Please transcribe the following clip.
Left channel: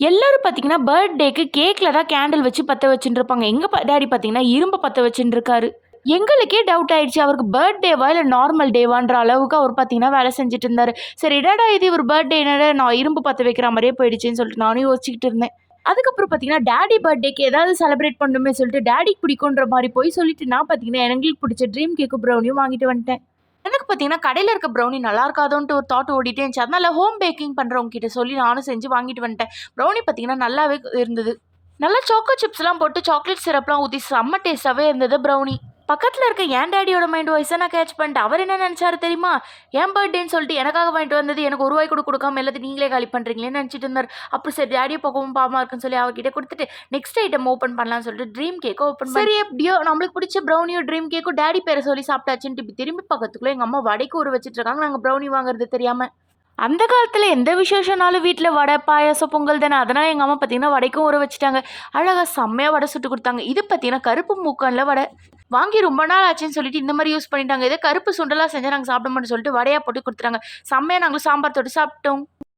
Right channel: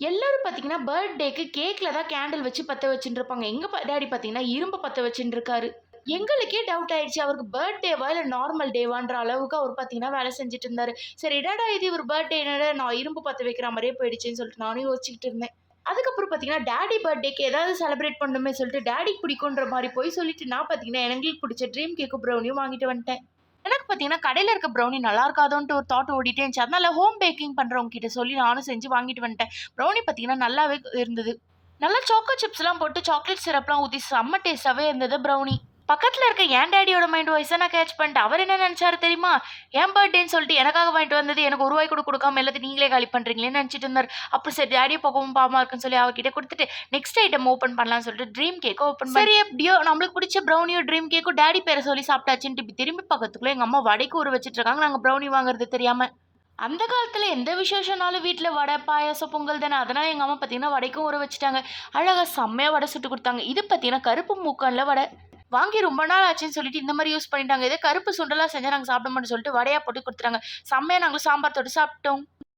எல்லாரும் பார்த்தீங்கன்னா, பர்த்டேக்கு கேக்ல தான் கேண்டில் வச்சு பத்த வச்சுட்டு இருப்பாங்க. எங்க டாடி பார்த்தீங்கன்னா, இரும்ப பத்த வச்சுட்டு இருக்காரு. எங்களுக்கே டவுட் ஆயிடுச்சு. அவருக்கு பர்த்டேவா இல்ல நார்மல் டேவான்ற அளவுக்கு அவர் பார்த்தீங்கன்னா, வேலை செஞ்சுட்டு இருந்தாரு. சரி என்னடா இது இவர் பர்த்டே என்னடா நான் இரும்பு பத்த வைக்கிற மாரியே போயிடுச்சேன்னு சொல்லிட்டு நானும் யோசிச்சுக்கிட்டு இருந்தேன். அதுக்கப்புறம் பார்த்தீங்கன்னா, டாடி பர்த்டேக்கு ஏதாவது செலிப்ரேட் பண்ணணுமே சொல்லிட்டு டாடிக்கு பிடிக்குன்ற மாரி போய் சொல்லிட்டு நான் பார்த்தீங்கன்னா, எங்களுக்கு பிடிச்ச ட்ரீம் கேக்கும் ப்ரௌனியும் வாங்கிட்டு வந்துட்டேன். எனக்கு பார்த்தீங்கன்னா, கடையில இருக்க ப்ரௌனி நல்லா இருக்காதோன்ட்டு ஒரு தாட் ஓடிட்டே இருந்துச்சு. அதனால ஹோம் பேக்கிங் பண்றவங்க கிட்ட சொல்லி நானும் செஞ்சு வாங்கிட்டு வந்துட்டேன். ப்ரௌனி பார்த்தீங்கன்னா, நல்லாவே இருந்தது. நல்லா சாக்கோ சிப்ஸ்லாம் போட்டு சாக்லேட் சிரப்லாம் ஊத்தி செம்ம டேஸ்ட்டாவே இருந்தது ப்ரௌனி. பக்கத்துல இருக்க என் டாடியோட மைண்ட் வாய்ஸ நான் கேட்ச் பண்ணிட்டேன். அவர் என்ன நெனச்சாரு தெரியுமா? என் பர்த்டேன்னு சொல்லிட்டு எனக்காக வாங்கிட்டு வந்தது எனக்கு ரூ. 1 கூட குடுக்காம எல்லாத்தையும் நீங்களே காலி பண்றீங்களேன்னு நெனச்சிட்டு இருந்தாரு. அப்புறம் சரி டாடிய பாக்கவும் பாவமா இருக்குன்னு சொல்லி அவகிட்ட குடுத்துட்டு, நெக்ஸ்ட் ஐட்டம் ஓப்பன் பண்ணலாம்னு சொல்லிட்டு ட்ரீம் கேக்க ஓப்பன் சரி எப்படியோ நம்மளுக்கு பிடிச்ச ப்ரௌனியும், ட்ரீம் கேக்கும் டாடி பேர சொல்லி சாப்பிட்டாச்சுன்ட்டு இப்படி திரும்பி பார்க்கறதுக்குள்ள எங்க அம்மா வடைக்கு ஊற வச்சுட்டு இருக்காங்க. நாங்க ப்ரௌனி வாங்குறது தெரியாம. அந்த காலத்துல எந்த விசேஷம்னாலும் வீட்ல வடை, பாயாசம், பொங்கல் தானே. அதனால எங்க அம்மா பார்த்தீங்கன்னா, வடைக்கும் ஊற வச்சுட்டாங்க. அழகா செம்மையா வடை சுட்டு குடுத்தாங்க. இது பார்த்தீங்கன்னா, கருப்பு மூக்கன்ல வடை. வாங்கி ரொம்ப நாள் ஆச்சுன்னு சொல்லிட்டு இந்த மாரி யூஸ் பண்ணிட்டாங்க. இதே கருப்பு சுண்டலா செஞ்சா நாங்க சாப்பிட மாட்டோம்னு சொல்லிட்டு வடையா போட்டு குடுத்துட்டாங்க. செம்மையா நாங்களும் சாம்பார் தொட்டு சாப்பிட்டோம்.